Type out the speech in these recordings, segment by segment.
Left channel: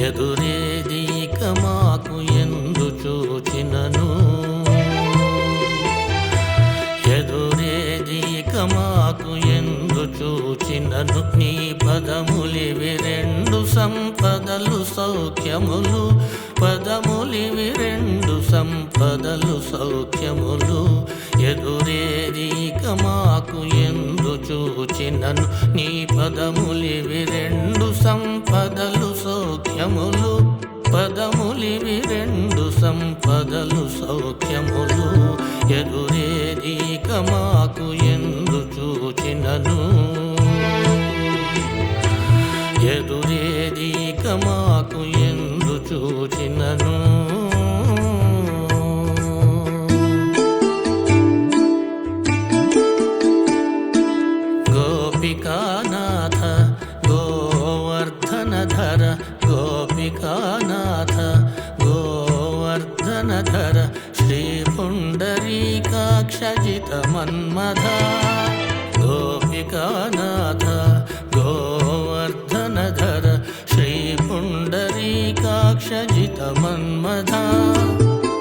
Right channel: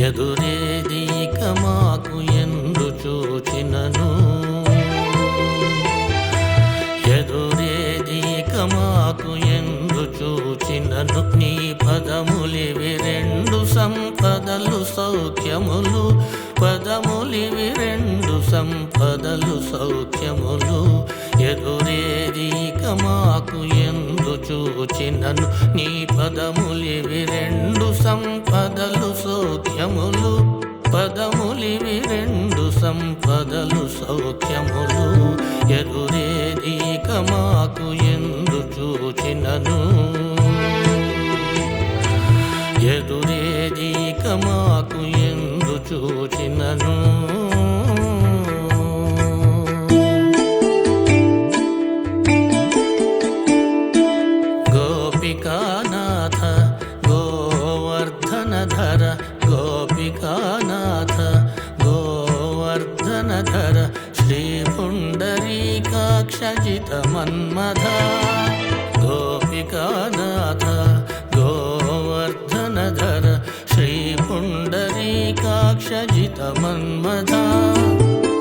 ఎదురేదీక మాకు ఎందు చూచినను ఎదురేదీక మాకు ఎందు చూచినను నీ పదములివి రెండు సంపదలు సౌఖ్యములు పదములివి రెండు సంపదలు సౌఖ్యములు ఎదురేదీక మాకు ఎందు చూచినను నీ పదములివి రెండు సంపదలు సౌఖ్యములు పదములివి రెండు సంపదలు సౌఖ్యములు ఎదురేదీక మాకు ఎందు చూచినను ఎదురేదీక మాకు ఎందు చూచినను గోపికానాథ గోవర్ధనధర గోపికానాథ గోవర్ధనధర శ్రీ పుండరీకాక్షజిత మన్మథ గోపికానాథ గోవర్ధనధర శ్రీ పుండరీకాక్షజిత మన్మథ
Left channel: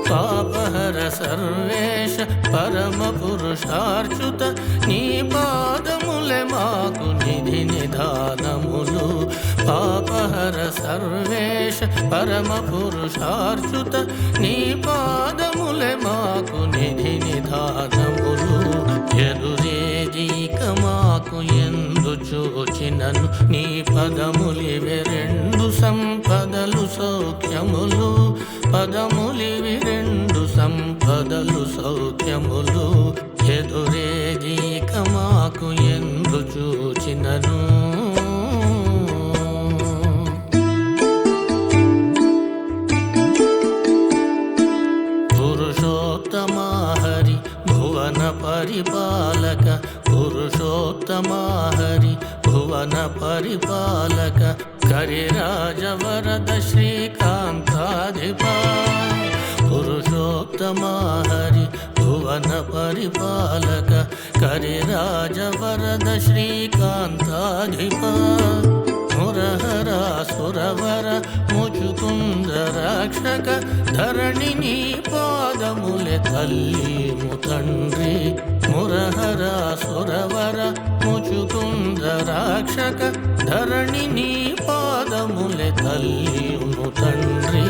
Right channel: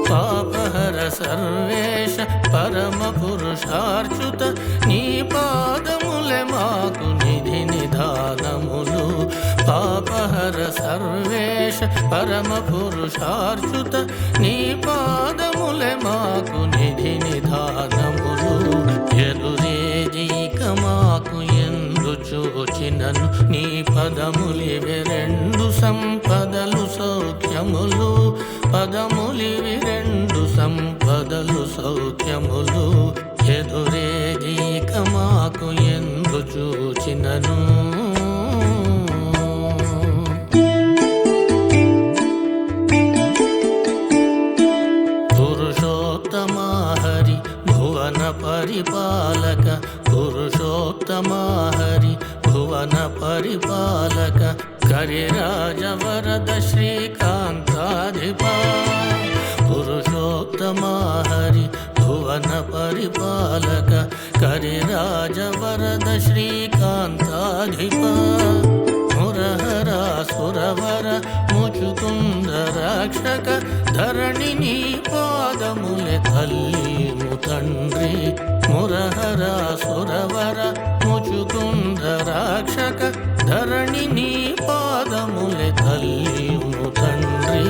పాపహర సర్వేశ పరమ పురుషార్చుత నీ పాదములే మాకు నిధి నిధానములు పాపహర సర్వేశ పరమ పురుషార్చుత నీ పాదములే మాకు నిధి నిధానములు ఎదురేదీక మాకు ఎందు చూచినను నీ పదములివి రెండు సంపదలు సౌఖ్యములు పదములివి రెండు సంపదలు సౌఖ్యములు ఎదురేదీక మాకు ఎందు చూచినను పురుషోత్తమా హరి భువన పరిపాలక పురుషోత్తమా హరి భువన పరిపాలక కరిరాజవరద శ్రీకాంతాధిప పురుషోత్తమా హరి భువన పరిపాలక కరిరాజవరద శ్రీకాంతాధిప మురహర సురవర ముచుకుంద రక్షక ధరణి నీ పాదములే తల్లిము తండ్రి మురహర సురవర ముచుకుంద రక్షక ధరణి నీ పాదములే తల్లిము తండ్రి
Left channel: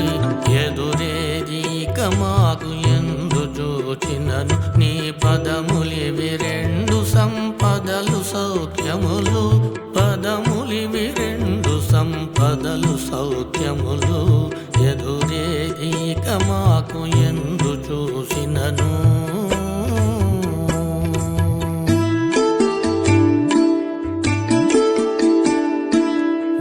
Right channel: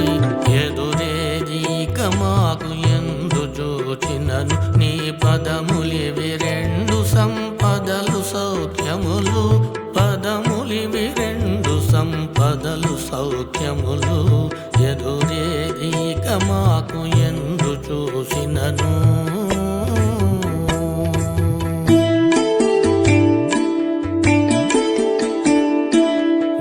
ఎదురేదీక మాకు ఎందు చూచినను నీ పదములివి రెండు సంపదలు సౌఖ్యములు పదములివి రెండు సంపదలు సౌఖ్యములు ఎదురేదీక మాకు ఎందు చూసినను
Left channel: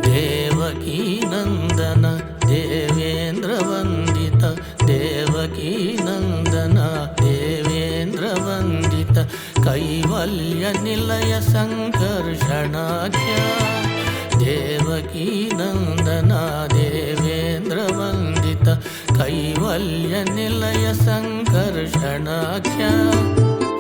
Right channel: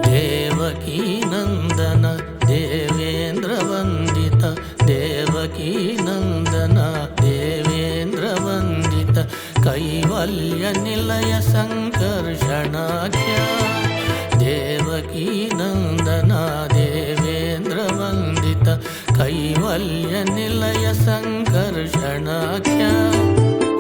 దేవకీ నందన దేవేంద్ర వందిత దేవకీ నందన దేవేంద్ర వందిత కైవల్య నిలయ సంకర్షణాఖ్య దేవకీ నందన దేవేంద్ర వందిత కైవల్య నిలయ సంకర్షణాఖ్య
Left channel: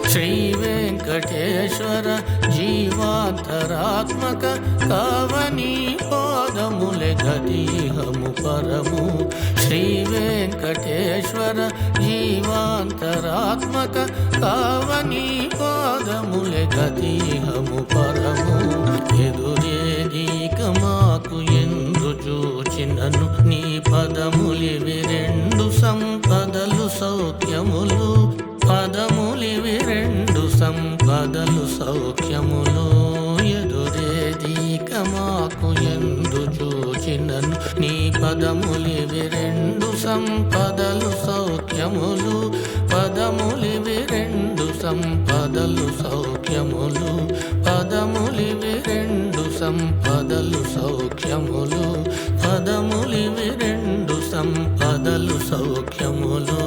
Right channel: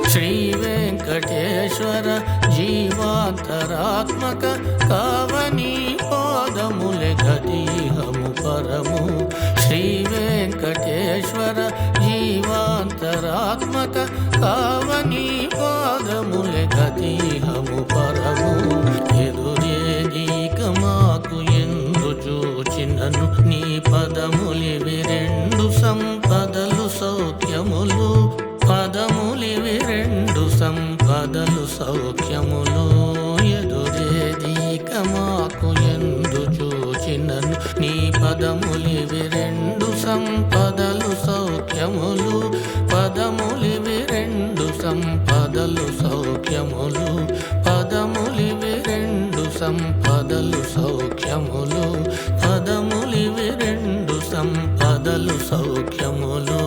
శ్రీ వెంకటేశ్వర జీవాంతరాత్మక కావనీ పాదములే గతిహము పరము శ్రీ వెంకటేశ్వర జీవాంతరాత్మక కావనీ పాదములే గతిహము పరము ఎదురేదీక మాకు ఎందు చూచినను నీ పదములివి రెండు సంపదలు సౌఖ్యములు పదములివి రెండు సంపదలు సౌఖ్యములు ఎదురేదీక మాకు ఎందు చూచినను నీ పదములివి రెండు సంపదలు సౌఖ్యములు పదములివి రెండు సంపదలు సౌఖ్యములు పదములివి రెండు సంపదలు సౌఖ్యములు పదములివి రెండు సంపదలు సౌఖ్యములు